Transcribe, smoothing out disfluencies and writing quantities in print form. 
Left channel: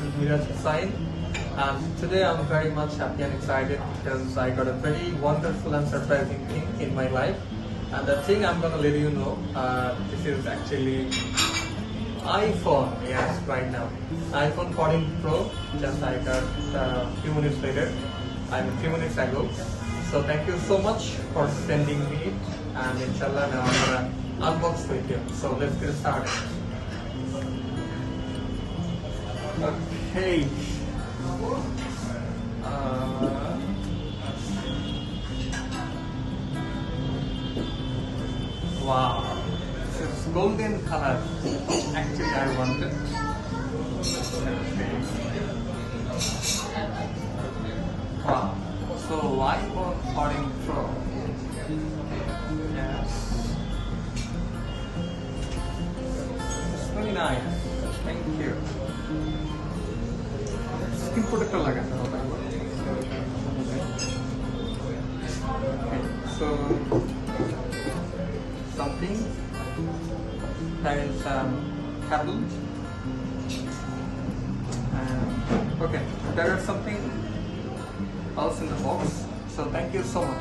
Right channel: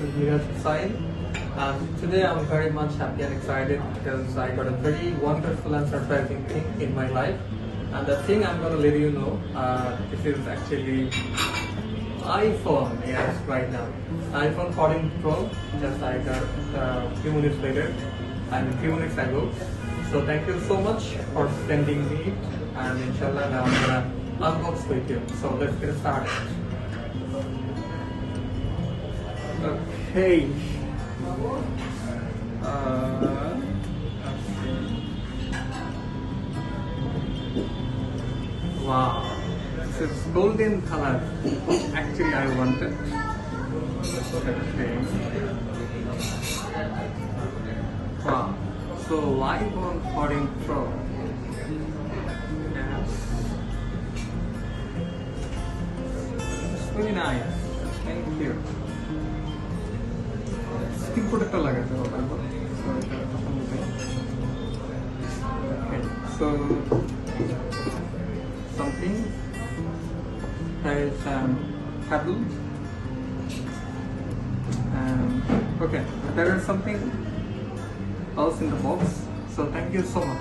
Miraj Hussain. Today I'm very much happy and excited because I got a very wonderful and surprising thing in my life. And the thing I'm going to let you know, this is actually iPhone, yes, right now. iPhone 14 Pro, just I got a few minutes later, a few minutes ago. So thank you so much for sending me it, and inshallah I'm gonna unbox with you. So let's get started. Okay. Wow, this is golden color. Actually, I wanted. Okay. Wow. So iPhone 14 Pro. Yes. It's very nice. Thank you. Skin protector like so okay. So something there is cable and okay, there is something else in the box. So thank you so much.